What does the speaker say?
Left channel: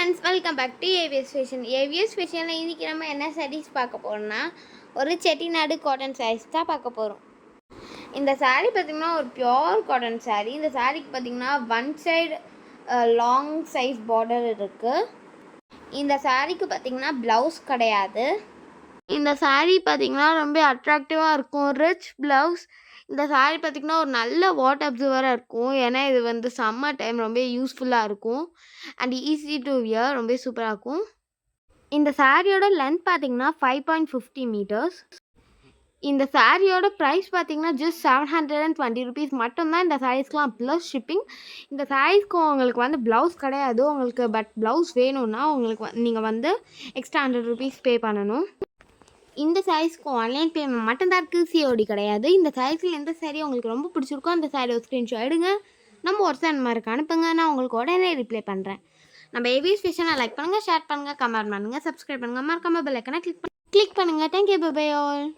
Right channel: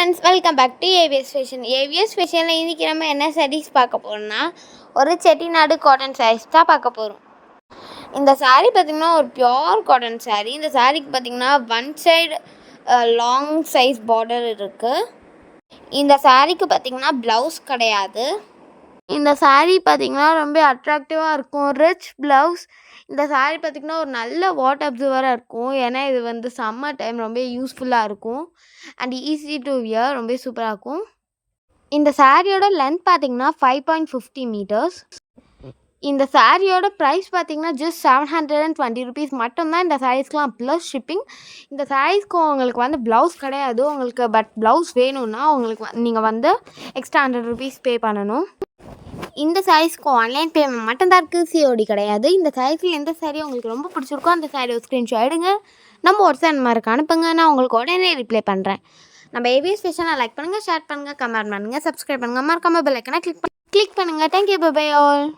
Friends, welcome back to AVS fashion. AVS ஃபேஷனில் இன்றைக்கி நம்ம என்ன சாரீஸ் பார்க்க போகிறோம்னா, ஒரு செட்டிநாடு காட்டன் சாரீஸ் தான் பார்க்க போகிறோம். இந்த சாரீ பார்த்திங்கன்னா ஒரு பியோர் காட்டன் சாரீ. இந்த சாரீக்கு பார்த்திங்கன்னா one side long size border இருக்குது. இந்த சாரீக்கு பார்த்திங்கன்னா ப்ளவுஸ் கிடையாது. இந்த சாரீ பார்த்திங்கன்னா ரொம்ப அட்ராக்டிவாக இருக்கும். Rich blouse. இந்த சாரீ பார்த்திங்கன்னா ஒரு நல்ல வாட்டர் அப்சர்வராக இருக்கும். ஏன்னா இது சம்மர் டைம் ரொம்ப யூஸ்ஃபுல்லாக இருக்கும். அண்ட் ஈஸி டு வியர், ரொம்ப சூப்பராக இருக்கும். இந்த சாரியோட லென்த் பார்த்திங்கன்னா 5.50 மீட்டர்ஸ். இந்த சாரியோட ப்ரைஸ் பார்த்திங்கன்னா ஜஸ்ட் 720 ருபீஸ் மட்டும்தான் இந்த சாரீஸ்க்கெலாம், ப்ளஸ் ஷிப்பிங். இந்த சாரீஸ்க்கு உங்களுக்கு ப்ளவுஸ் கிடையாது. உங்களுக்கு ப்ளவுஸ் வேணும்னா நீங்கள் எக்ஸ்ட்ரா 100 ருபீஸ் பே பண்ணணும். இந்த சாரீஸ்க்கு ஆன்லைன் பேமெண்ட் மட்டும்தான் இருக்குது, சிஓடி கிடையாது. இந்த சாரீஸில் எந்த சாரீ உங்களுக்கு ரொம்ப பிடிச்சிருக்கோ அந்த சாரீ ஒரு ஸ்க்ரீன்ஷாட் எடுங்க, நம்ம வாட்ஸ்அப் மாதிரி அனுப்புங்க. நான் உங்களுக்கு உடனே ரிப்ளை பண்ணுறேன். நம்ம ஏவிஎஸ் ஃபேஷனை லைக் பண்ணுங்கள், ஷேர் பண்ணுங்கள், கமெண்ட் பண்ணுங்கள், சப்ஸ்கிரைப் பண்ணுங்கள், மறக்காம பெல் ஐக்கனை கிளிக் பண்ணுங்கள். Thank you, bye bye all.